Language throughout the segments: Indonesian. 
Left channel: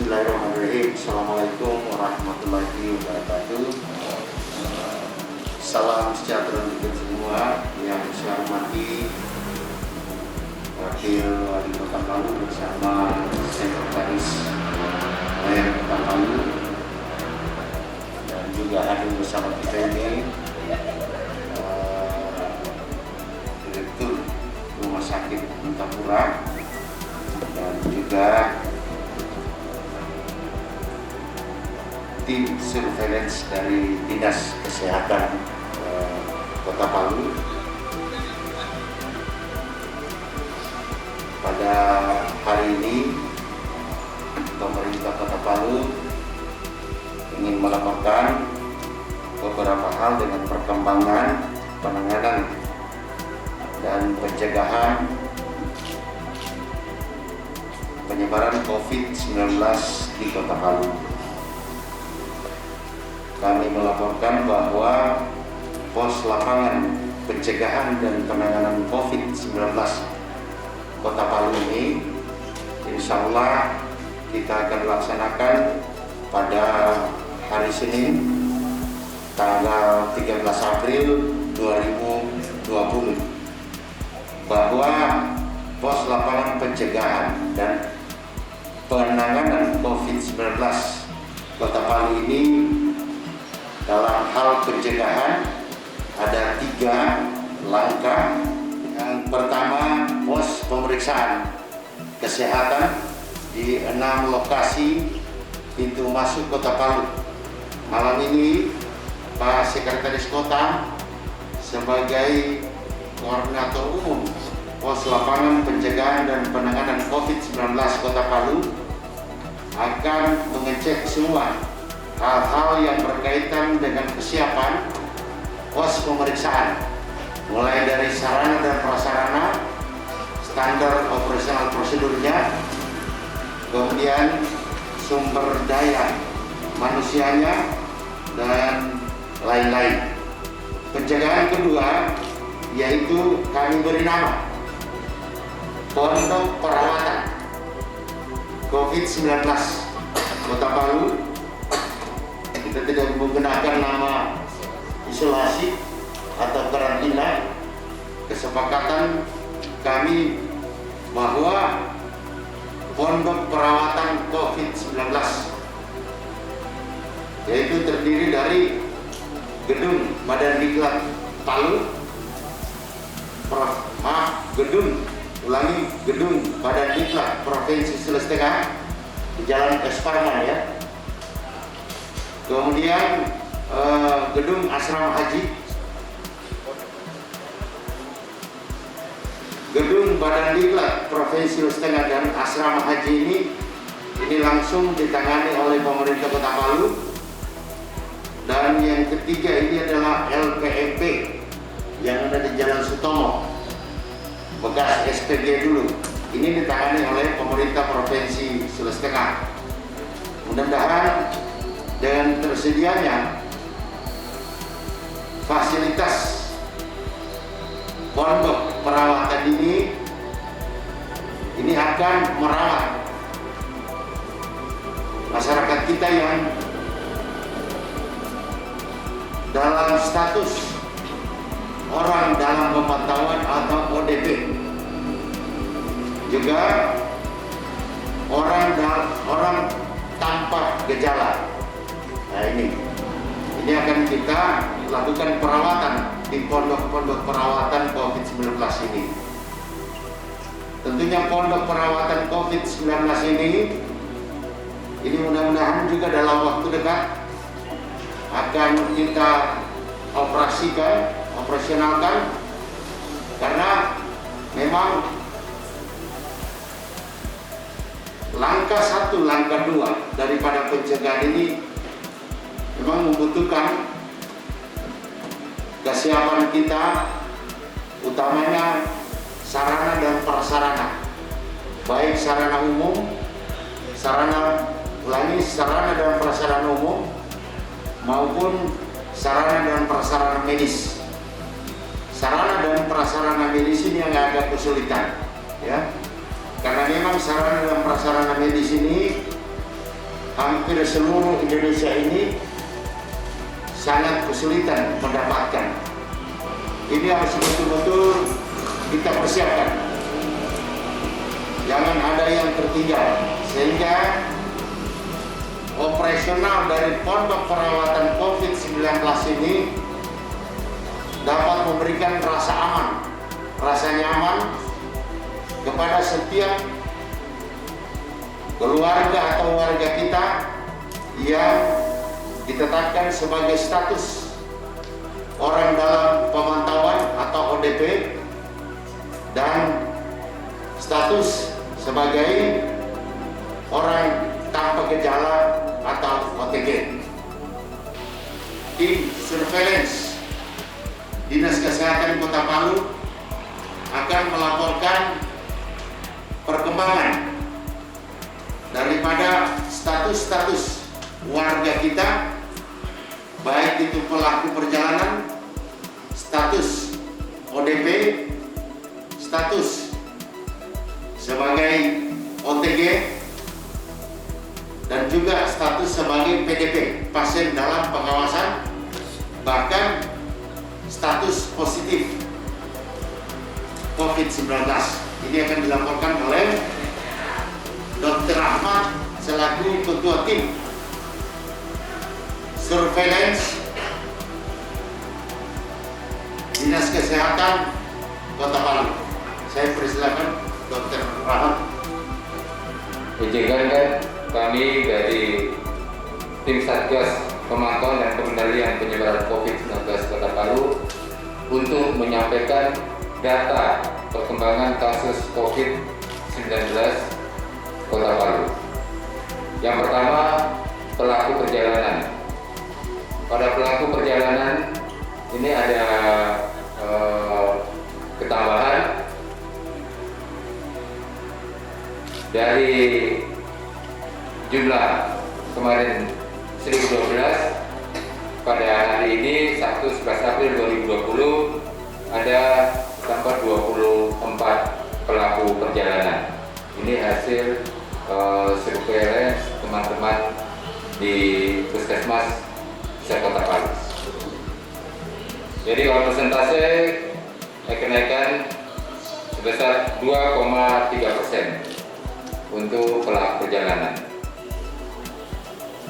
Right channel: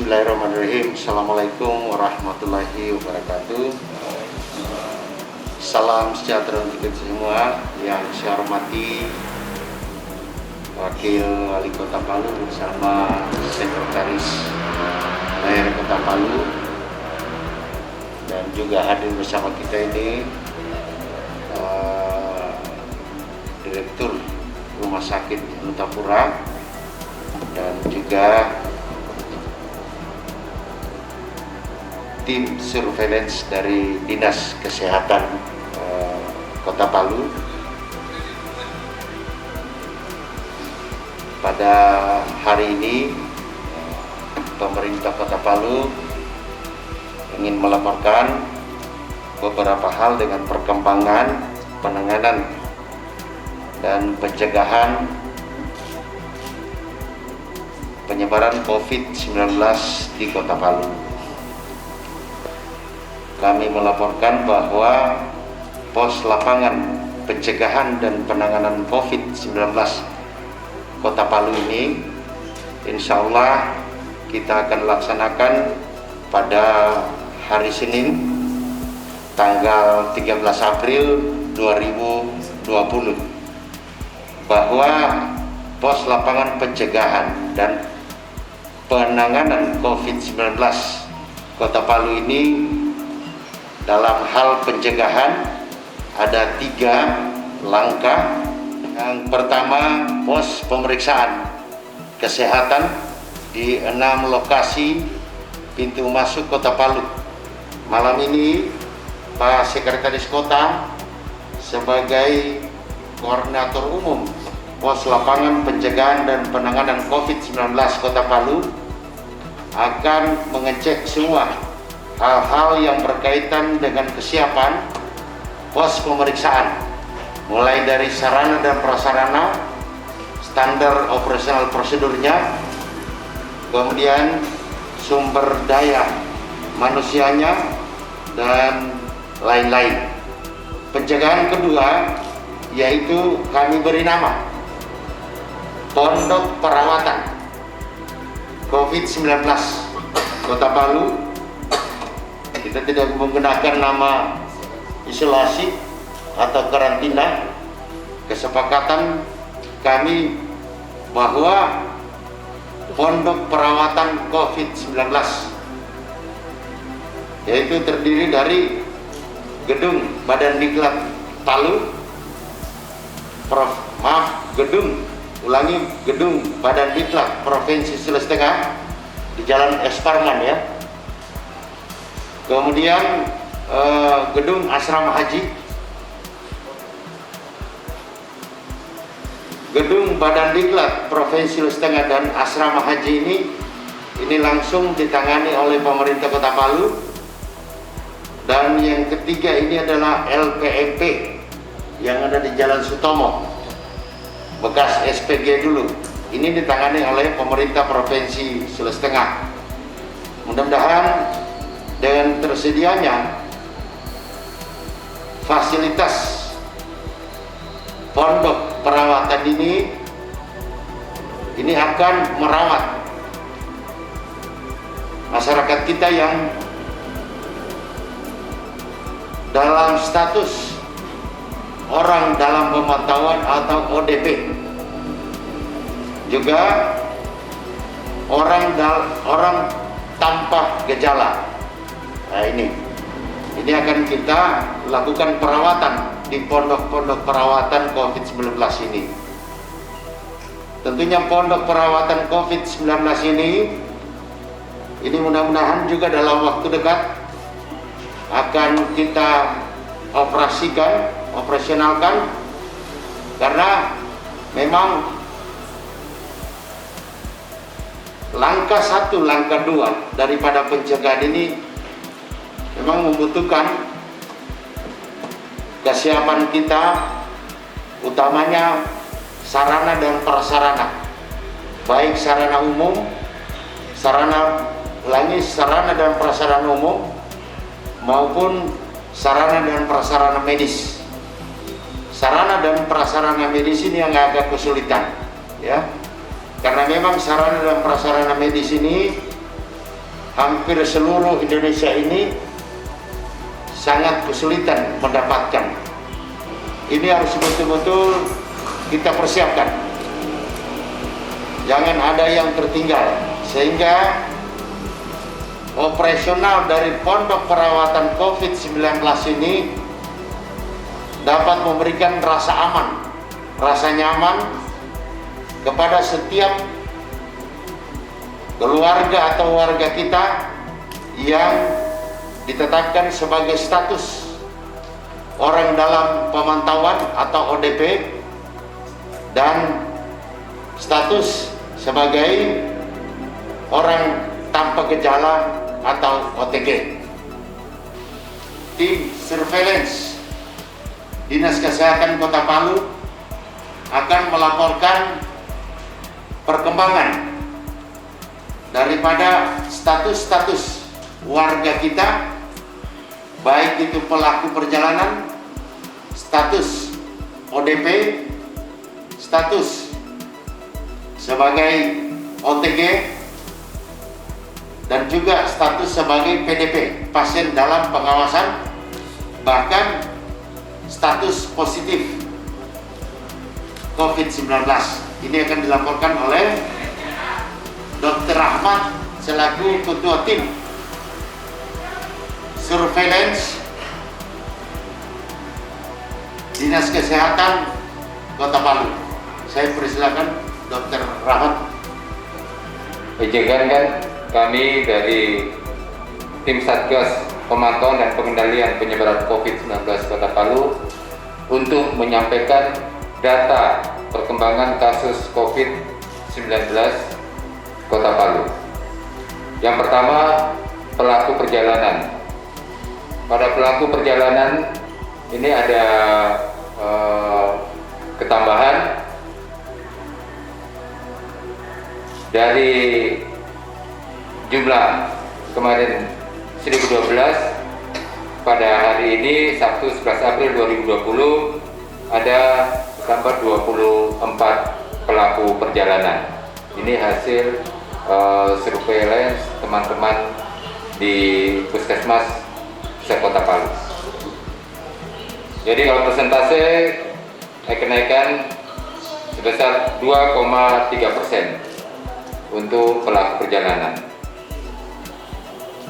Bismillahirrahmanirrahim. Assalamualaikum warahmatullahi wabarakatuh. Salam sejahtera untuk kita semua. Yang saya hormati Wakil Wali Kota Palu bersama Sekretaris Mayor Kota Palu, dan juga hadir bersama kita ini Direktur Rumah Sakit Nuntapura dan juga tim surveillance dari Dinas Kesehatan Kota Palu. Pada hari ini pemerintah Kota Palu ingin melaporkan beberapa hal dengan perkembangan penanganan dan pencegahan penyebaran COVID-19 di Kota Palu. Kami melaporkan bahwa pos lapangan pencegahan dan penanganan COVID-19 Kota Palu ini insya Allah kita akan laksanakan pada hari Senin tanggal 13 April 2020, bahwa pos lapangan pencegahan dan penanganan COVID-19 Kota Palu ini dalam hal pencegahan ada 3 langkah. Yang pertama, pos pemeriksaan kesehatan di 6 lokasi pintu masuk Kota Palu. Malam ini Pak Sekretaris Kota sebagai Koordinator Umum Pos Lapangan Pencegahan dan Penanganan COVID-19 Kota Palu akan mengecek semua hal-hal yang berkaitan dengan kesiapan pos pemeriksaan, mulai dari sarana dan prasarana, standar operasional prosedurnya, kemudian sumber daya manusianya, dan lain-lain. Pencegahan kedua yaitu kami beri nama Pondok Perawatan COVID-19 Kota Palu. Kita tidak menggunakan nama isolasi atau karantina. Kesepakatan kami bahwa Pondok Perawatan COVID-19 yaitu terdiri dari Gedung Badan Diklat Palu, Gedung Badan Diklat Provinsi Sulawesi Tengah di Jalan Esparman ya. Kemudian Gedung Asrama Haji, Gedung Badan Diklat Provinsi Sulawesi Tengah dan Asrama Haji ini langsung ditangani oleh pemerintah Kota Palu. Dan yang ketiga ini adalah LPMP yang ada di Jalan Sutomo, bekas SPG dulu. Ini ditangani oleh pemerintah Provinsi Sulawesi Tengah. Mudah-mudahan dengan tersedianya fasilitas pondok perawatan ini akan merawat masyarakat kita yang dalam status orang dalam pemantauan atau ODP, juga orang tanpa gejala. Nah, ini akan kita lakukan perawatan di pondok-pondok perawatan COVID-19 ini. Tentunya pondok perawatan COVID-19 ini mudah-mudahan juga dalam waktu dekat akan kita operasionalkan, karena memang langkah 1, langkah 2 daripada pencegahan ini memang membutuhkan kesiapan kita, utamanya sarana dan prasarana, baik sarana umum, sarana dan prasarana umum maupun sarana dan prasarana medis. Sarana dan prasarana medis ini yang agak kesulitan, ya, karena memang sarana dan prasarana medis ini hampir seluruh Indonesia ini sangat kesulitan mendapatkan. Ini harus betul-betul kita persiapkan. Jangan ada yang tertinggal, sehingga operasional dari pondok perawatan COVID-19 ini dapat memberikan rasa aman, rasa nyaman kepada setiap keluarga atau warga kita yang ditetapkan sebagai status orang dalam pemantauan atau ODP dan status sebagai orang tanpa gejala atau OTG. Tim surveillance Dinas Kesehatan Kota Palu akan melaporkan perkembangan daripada status-status warga kita, baik itu pelaku perjalanan, status ODP, status sebagai OTG, dan juga status sebagai PDP, pasien dalam pengawasan, bahkan status positif COVID-19. Ini akan dilaporkan oleh Dr. Ahmad selaku Ketua Tim Surveillance Dinas Kesehatan Kota Palu. Saya persilakan Dr. Rahmat. Izinkan kami dari Tim Satgas Pemantauan dan Pengendalian Penyebaran COVID-19 Kota Palu untuk menyampaikan data perkembangan kasus COVID-19 Kota Palu. Yang pertama, pelaku perjalanan. Pada pelaku perjalanan ini ada ketambahan dari jumlah kemarin 1012, pada hari ini Sabtu 11 April 2020 ada tambah 24 pelaku perjalanan. Ini hasil surveillance teman-teman di Puskesmas Kota Palu. Jadi kalau persentase kenaikan sebesar 2,3% untuk pelaku perjalanan.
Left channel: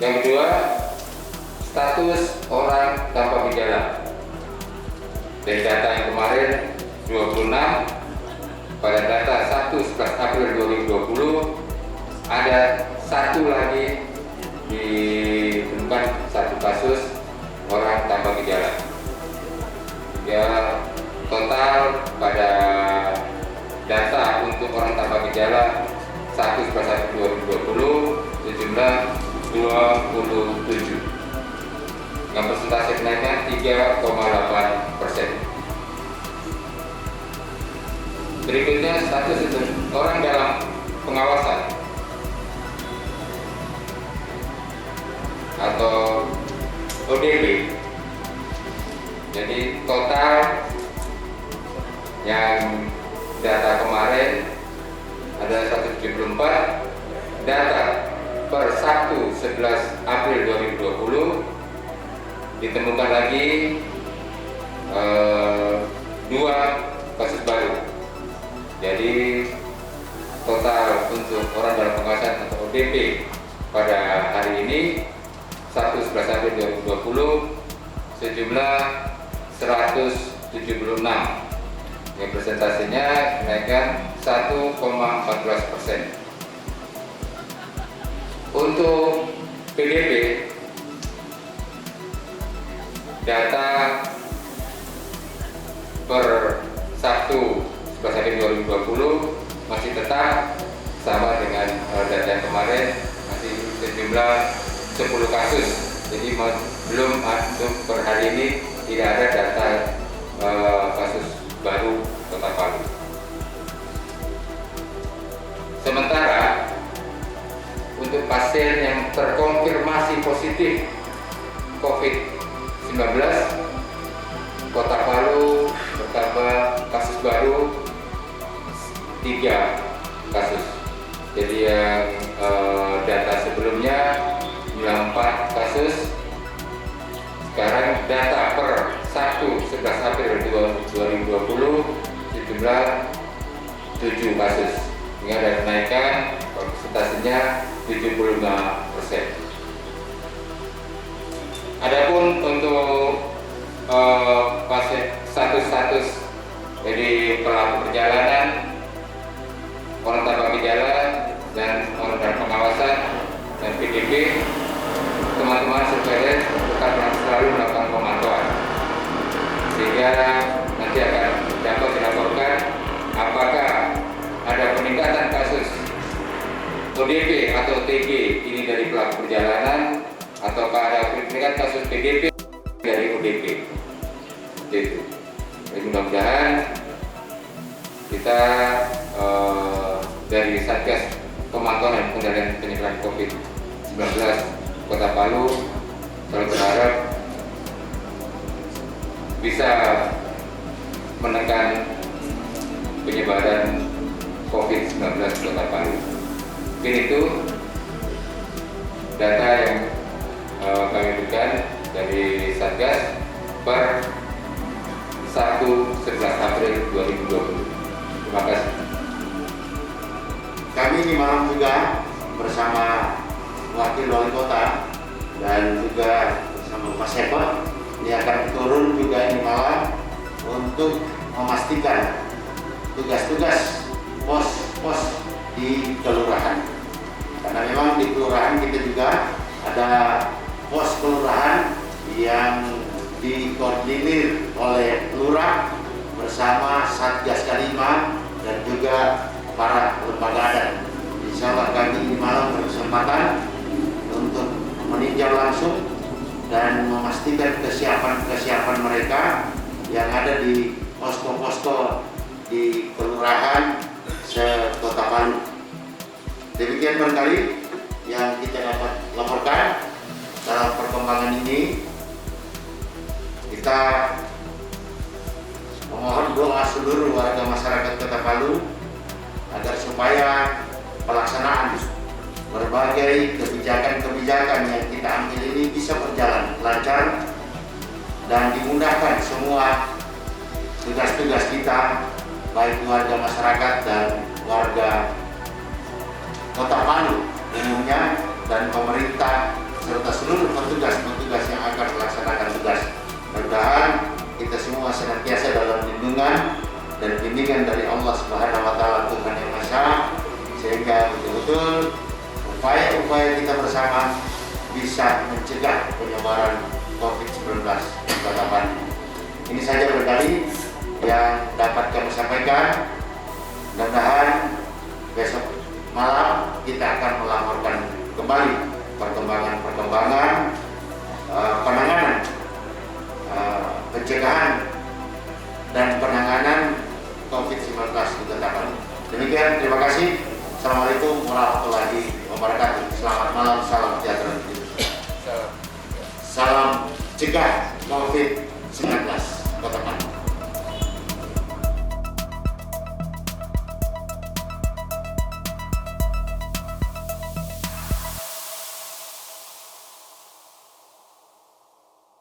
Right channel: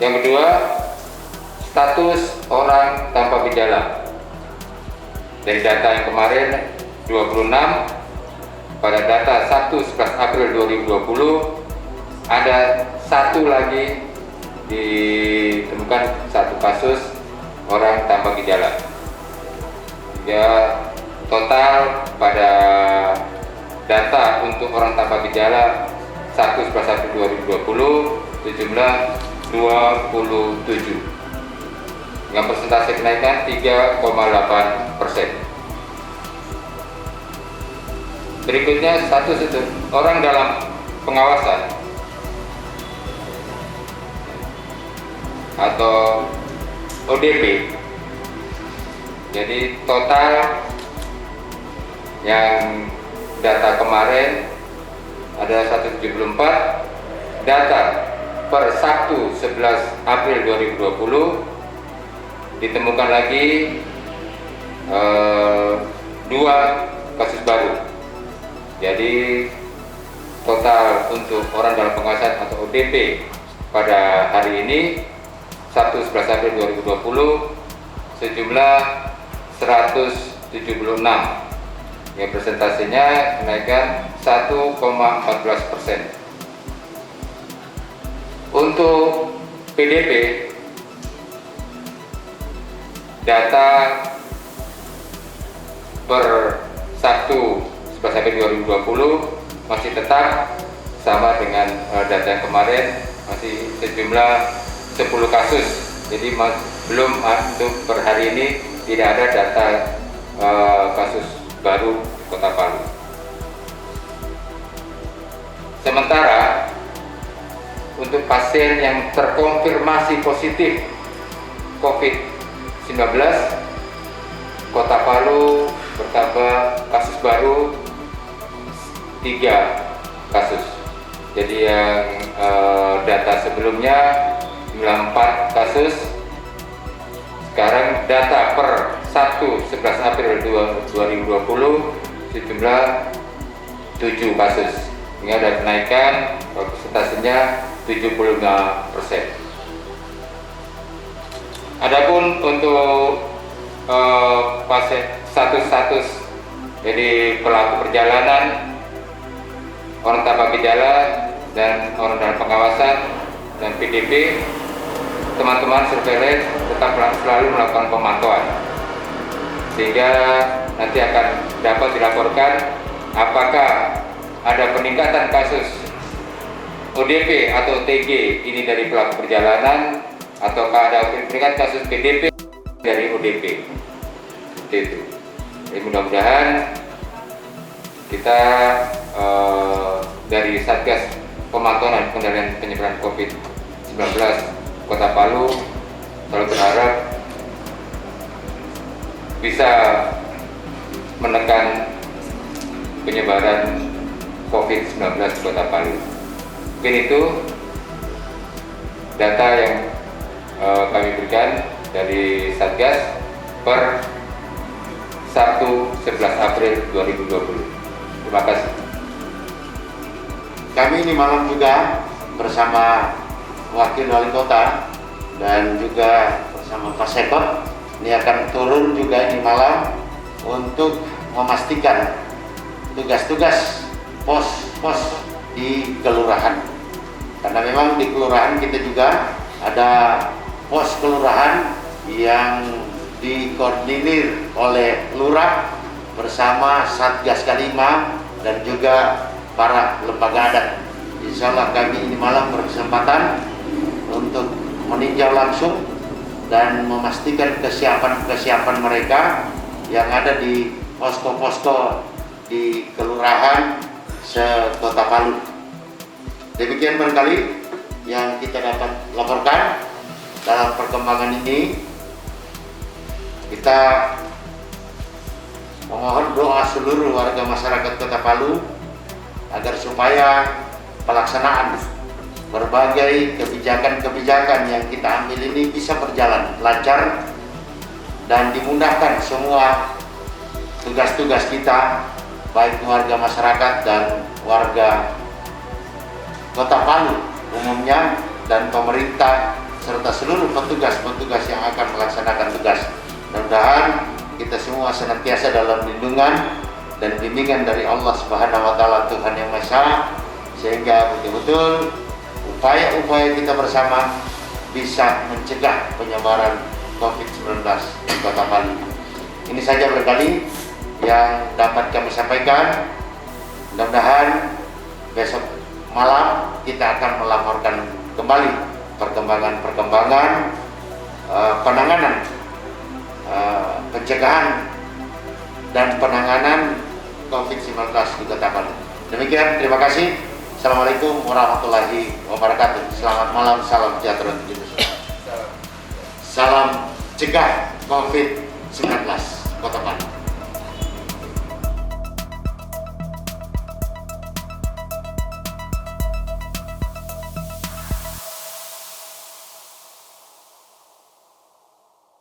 Yang kedua, status orang tanpa gejala. Dari data yang kemarin 26, pada data 1 11 April 2020 ada satu lagi ditemukan satu kasus orang tanpa gejala. Ya, total pada data untuk orang tanpa gejala 1 11 April 2020 sejumlah 27 dengan persentase kenaikan 3,8%. Berikutnya status itu orang dalam pengawasan atau ODP. Jadi total yang data kemarin ada 174, data per 1 11 April 2020 ditemukan lagi 2 kasus baru. Jadi total untuk orang dalam pengawasan atau ODP pada hari ini 1 11 April 2020 sejumlah 176, yang presentasinya kenaikan 1,14%. Untuk PDP, data per 1 11 April 2020 masih tetap sama dengan data yang kemarin, masih sejumlah 10 kasus. Jadi belum untuk per hari ini tidak ada data kasus baru Kota Palu. Sementara untuk pasien yang terkonfirmasi positif COVID-19, Kota Palu bertambah kasus baru 3 kasus. Jadi yang data sebelumnya jumlah 4 kasus. Sekarang data per 11 April 2020 sejumlah 7 kasus. Ini ada kenaikan, persentasenya 75%. Adapun untuk status jadi pelaku perjalanan, orang tanpa gejala, dan orang dalam pengawasan dan PDP, teman-teman surveillance tetap selalu melakukan pemantauan sehingga nanti akan dapat dilaporkan apakah ada peningkatan kasus ODP atau OTG ini dari pelaku perjalanan ataukah ada peningkatan kasus PDP dari ODP. Itu. Jadi mudah-mudahan kita dari Satgas Pemantauan dan Pengendalian Penyebaran COVID-19 Kota Palu selalu berharap bisa menekan penyebaran COVID-19 di Kota Palu. Mungkin itu data yang kami berikan dari Satgas per 11 April 2020. Terima kasih. Kami ini malam juga bersama Wakil Wali Kota dan juga bersama Pak Sekot ini akan turun juga ini malam untuk memastikan tugas-tugas pos-pos di kelurahan. Karena memang di kelurahan kita juga ada pos kelurahan yang dikoordinir oleh lurah bersama Satgas K5 dan juga para lembaga adat. Insya Allah kami ini malam berkesempatan untuk meninjau langsung dan memastikan kesiapan mereka yang ada di posko-posko di kelurahan se-Kota Palu. Demikian barangkali yang kita dapat laporkan dalam perkembangan ini. Kita memohon doa seluruh warga masyarakat Kota Palu agar supaya pelaksanaan berbagai kebijakan-kebijakan yang kita ambil ini bisa berjalan lancar dan dimudahkan semua tugas-tugas kita, baik warga masyarakat dan warga Kota Palu umumnya dan pemerintah serta seluruh petugas-petugas yang akan melaksanakan tugas. Mudah-mudahan kita semua senantiasa dalam lindungan dan bimbingan dari Allah Subhanahu wa Ta'ala, Tuhan yang Maha Esa, sehingga betul-betul upaya-upaya kita bersama bisa mencegah penyebaran COVID-19 di Kota Palu. Ini saja barangkali yang dapat kami sampaikan. Mudah-mudahan besok malam kita akan melaporkan kembali perkembangan penanganan, pencegahan dan penanganan COVID-19 di Kota Palu. Demikian, terima kasih. Assalamualaikum warahmatullahi wabarakatuh. Selamat malam, salam sejahtera. Salam cegah COVID-19 Kota Palu.